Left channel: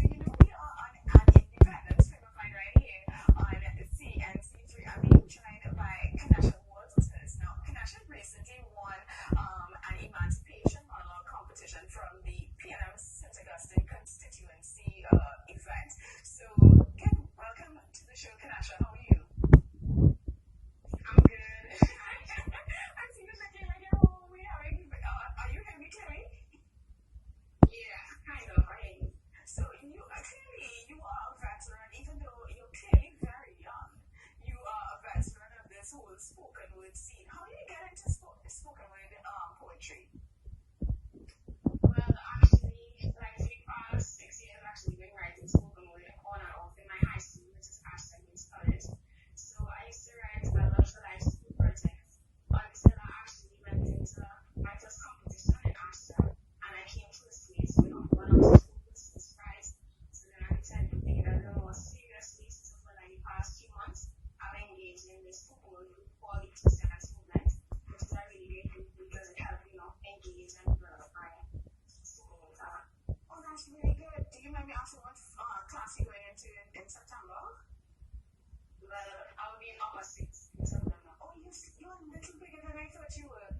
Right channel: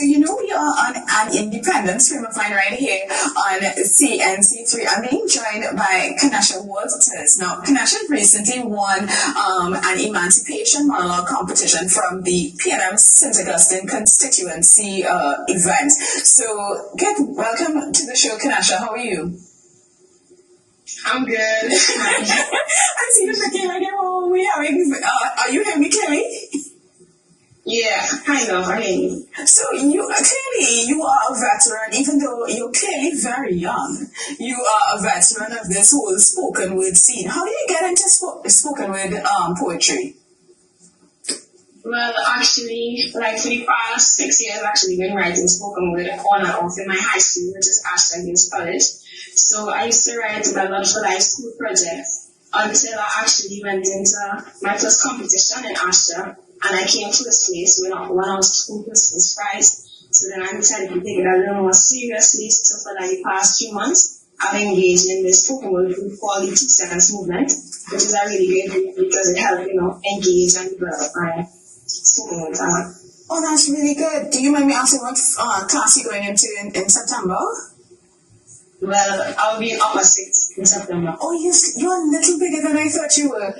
So you know we are on an independent stream of line right here on CNC3. I'm being joined by Kernesha Walters. Now, Kernesha recently won an emancipation monologue competition from the PNM St. Augustine constituency event. So, welcome to the show, Kernesha. How are you? I'm good. I see you looking like you're home. Are you hearing me clearly? Yeah, I know. I hear you. So you are a veteran, even though you're clearly very young. You are a veteran of this whole spoken word scene. How did you get into spoken word poetry? Well, actually, like for the past 6 years, I've actually been writing spoken word on and off in my high school, which is Ashton Hills College. So I used to write a lot for like school projects until I actually went into my first competition in Ashton. And I came first place when I was school first prize. So then I decided to take it a little more seriously. So for like the past few months, I've engaged in this spoken word group called the T-Sense movement, which is a really great group because it helps, engage and develop my spoken word talent. Oh, that's really good. Do you mind me asking what class you're going into in September? Well, I'll be in upper sixth in September. Oh, you're a little bigger than I thought you were.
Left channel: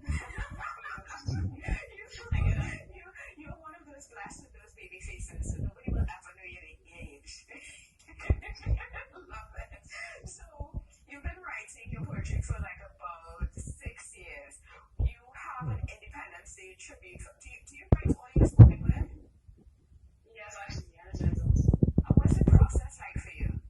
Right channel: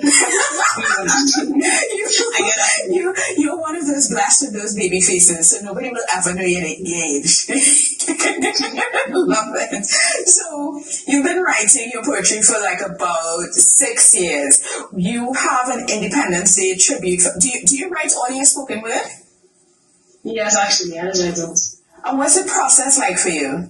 You're one of those blessed with those baby faces, so nobody will ever know you're engaged. Love it. So, you've been writing your poetry for like about 6 years. You have an Independence Day tribute. Do you write all your spoken word? Yes, actually, I just write those. And what's the process like for you?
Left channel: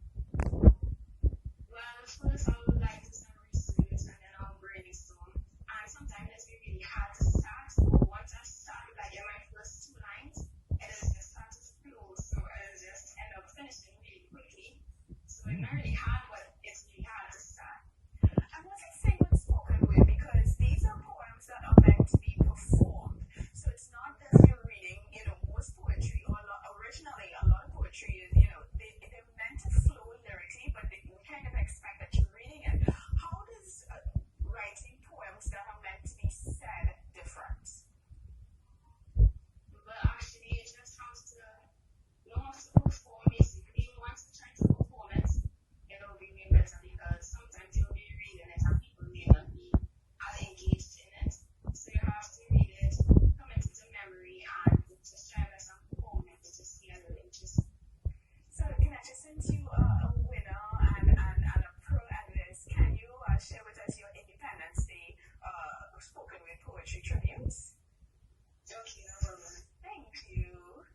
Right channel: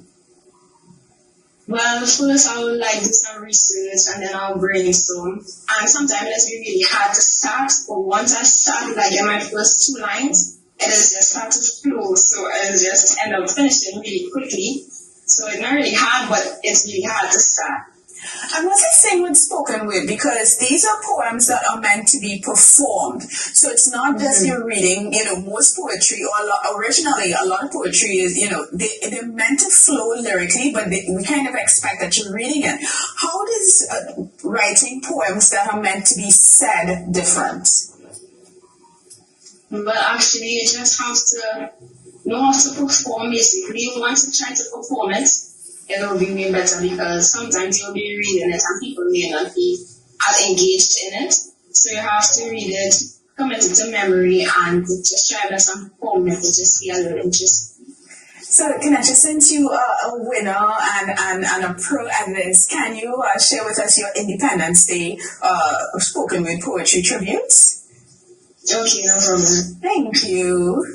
Well, first I would like do some research and then I'll brainstorm. And sometimes it's really hard to start, but once I start, like in my first 2 lines, it is just start to flow. So it is just end up finishing really quickly. So it's not really hard, but it's really hard to start. And what's the same with spoken word? Because these are poems that are meant to be performed. So it's not just you're reading, most poetry, or originally a lot of poetry is, they're meant to flow lyrically, but we kind of expect that you're reading it. How does writing poems that are meant to be said different? Well, actually, you just have to know how to perform, basically. Once you try to perform it, it'll be way better because sometimes you'll be reading it and people may not be as engaged in it. So you have to read it, commit it to memory, and just try to some perform it to just be a little interesting. So, Kernesha, since you are a winner and a pro at this, can you share with us your Independence Day spoken word poetry tributes? Okay, no problem. Thank you.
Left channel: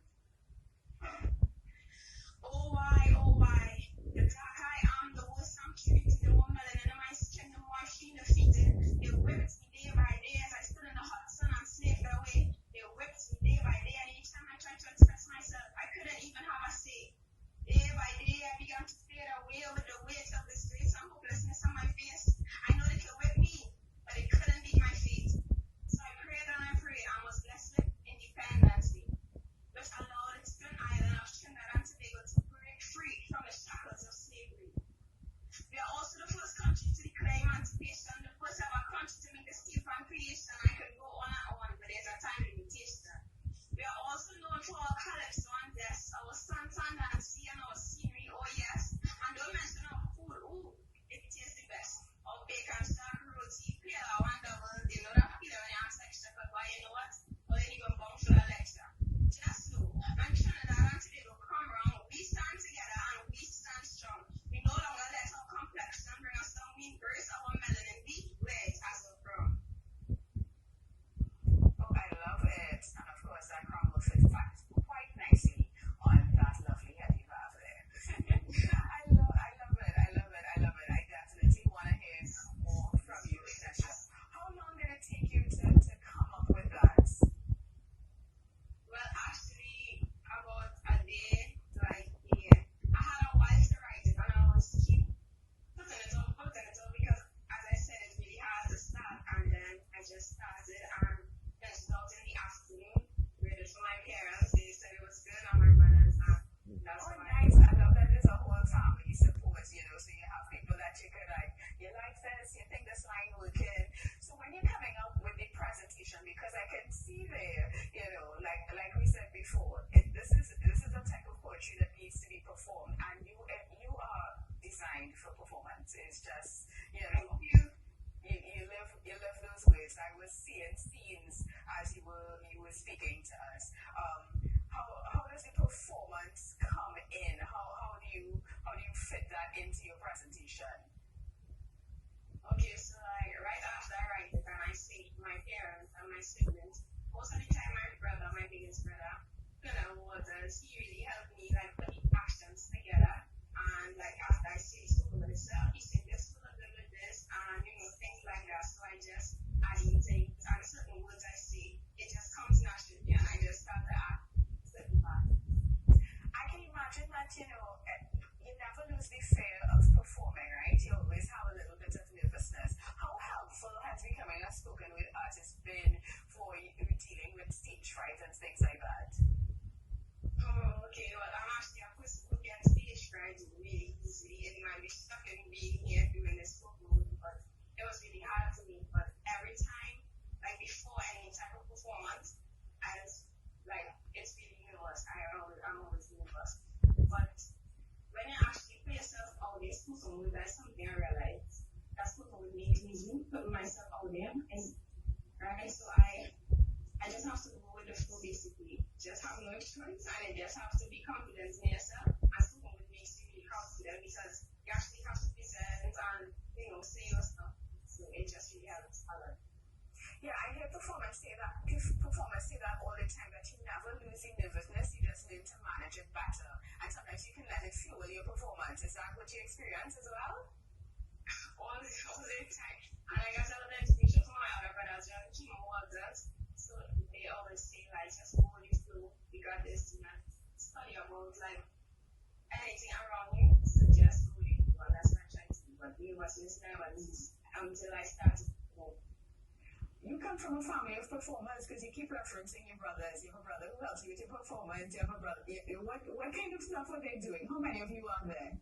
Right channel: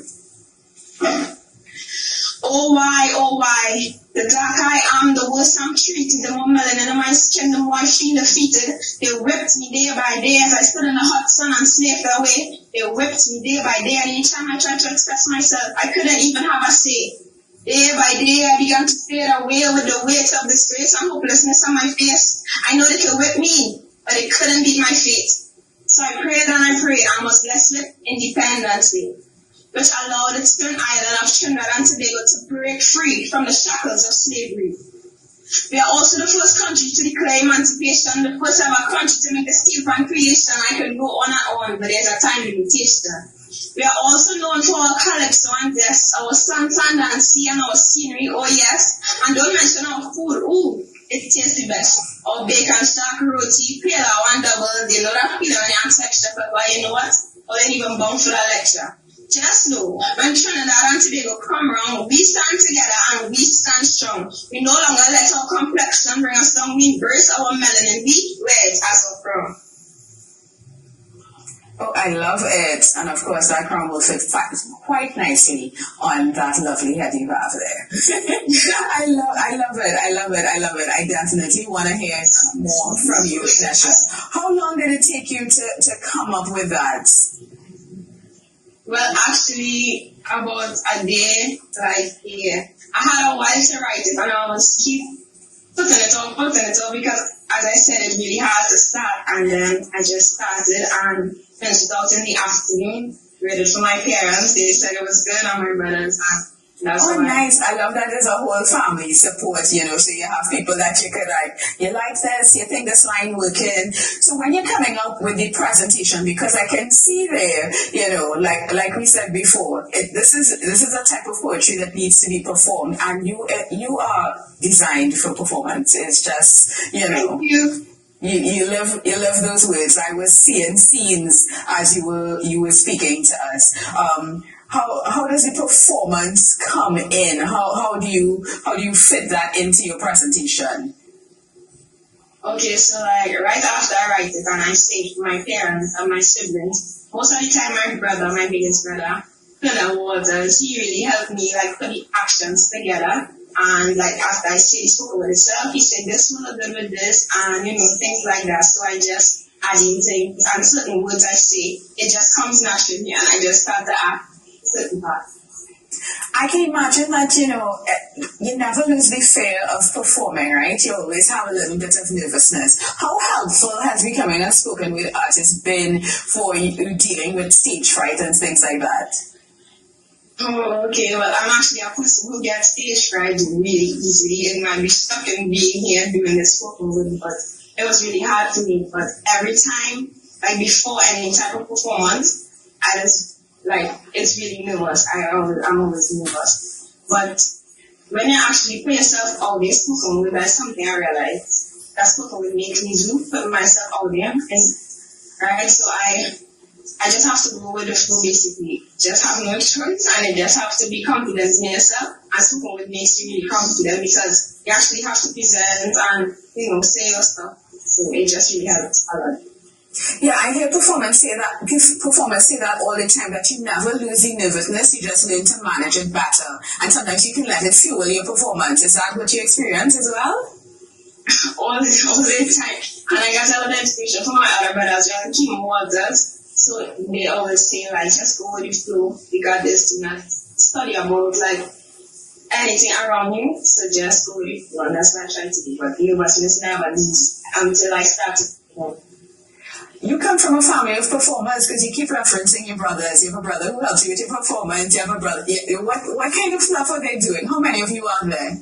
Oh why, the dark I am, the worst I'm treated, the more melanin in my skin, the more I feel defeated. They whipped me day by day as I stood in the hot sun and slaved away. They whipped me day by day, and each time I tried to express myself, I couldn't even have a say. Day by day, I began to fade away with the weight of disgrace and hopelessness on my face. I know they could whip me, but they couldn't beat my fate. So I prayed and I prayed, and was blessed with Independence Day, which allowed its stern island of Trinidad and Tobago to break free from the shackles of slavery. We are also the first country to declare emancipation, the first ever country to make a steel pan creation. I could go on and on, but there's a time limitation. We are also known for our calypso and zest, our sun, thunder, and sea, and our scenery, oh yes. And don't mention our food, ooh, it tastes the best. Our bacon, stark, roti, pale, and double, they know that feeling when you ask extra pepper, you know what? Or then even bound for the lecture. Just know, when Trinidad and Tobago come around, we stand together and we stand strong. We no longer let our complexion bring us down. We embrace our melanin. We wear it as a crown. Oh, I love it. And of course, that crown will fit quite nicely on that lovely head you have there. I love it. I definitely want to hear more from you, Kernesha. How long did it take you to come up with that? Well, actually, about a day, like a year. I had a while to write it, and I was keep putting it off because, as I said, it's really hard to start. And then I just started and finished it out in the afternoon. Read it for my parents. They said it was good, and my brothers. And That's Oh, why. nice. I love that there's a whole family support, so you have people that you could you like this, you think this line working. So when you're coming up with the presentation, because I can see there, like we said before, this is a type of poetry that needs to be performed, and you are designed for performance. It's just, Thank you. You live those words. I was seeing scenes as you were speaking to us. How does the performance come in? How do you fit that into your presentation? Okay, so like right after I write it and I say it to my parents and my siblings, most of the time my biggest brother, Kernesha Walters, he really helped me like put the actions together. And like after I say the spoken word itself, he said this will look good with this and things like that. So I just add in things and certain words I say, it just comes naturally and I just start to act certain parts. I can imagine that, you never lose the fear of performing, right? You always have a little bit of nervousness. How helpful has becoming a spoken word artist been for you dealing with stage fright and things like that? Oh, okay. Well, I'm actually a person who gets stage fright really easily. It might be stuck in being here doing this spoken word, but it was really hard for me. But every time, like before any type of performance, I just it's really nervous. I'm always nervous. But when you actually put yourself out there spoken word, that's something I realized. That spoken word makes me do put myself out there, right? So I just have to go with the flow basically. Just have no choice and you just have to be confident in yourself. And spoken word makes you really confident because you actually have to present and say your stuff. So it just really helps a lot. Yeah, I hear performers say that all the time, that you never lose the nervousness, you just learn to manage it better. And sometimes you can let it fuel your performance. Is that what you experience as well? all the time. And I got a lot of inspiration from my other brothers, Kernesha Walters. So they always say, just go with the flow. You got this, do not study about, anything around you. So just go with the flow. And that's what I try to do. But nervousness never leaves until I start to perform. You come from a family of performers because you keep referencing your brothers. You have a brother who helps you with your performance. You have a brother. What kind of stuff are they doing? How many of you are there?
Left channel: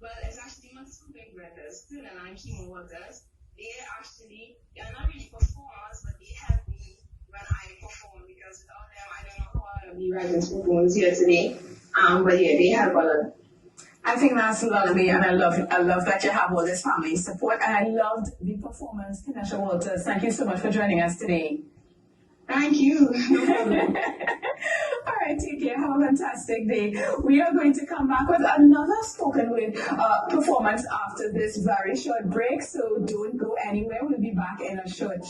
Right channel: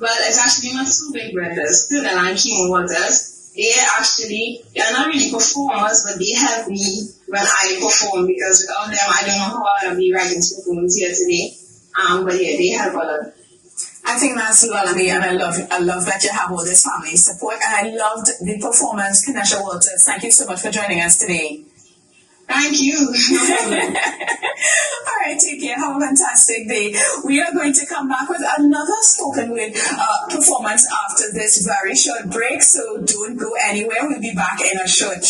Well, it's actually my two big brothers, Kernesha and Kernesha Walters. They're not really performers, but they help me when I perform because without them, I don't know how I'll be writing spoken words here today. But yeah, they help a lot. I think that's lovely, and I love that you have all this family support, and I loved the performance. Kernesha Walters, thank you so much for joining us today. Thank you. No problem. All right, take care. Have a fantastic day. We are going to come back with another spoken word performance after this very short break, so don't go anywhere. We'll be back in a short.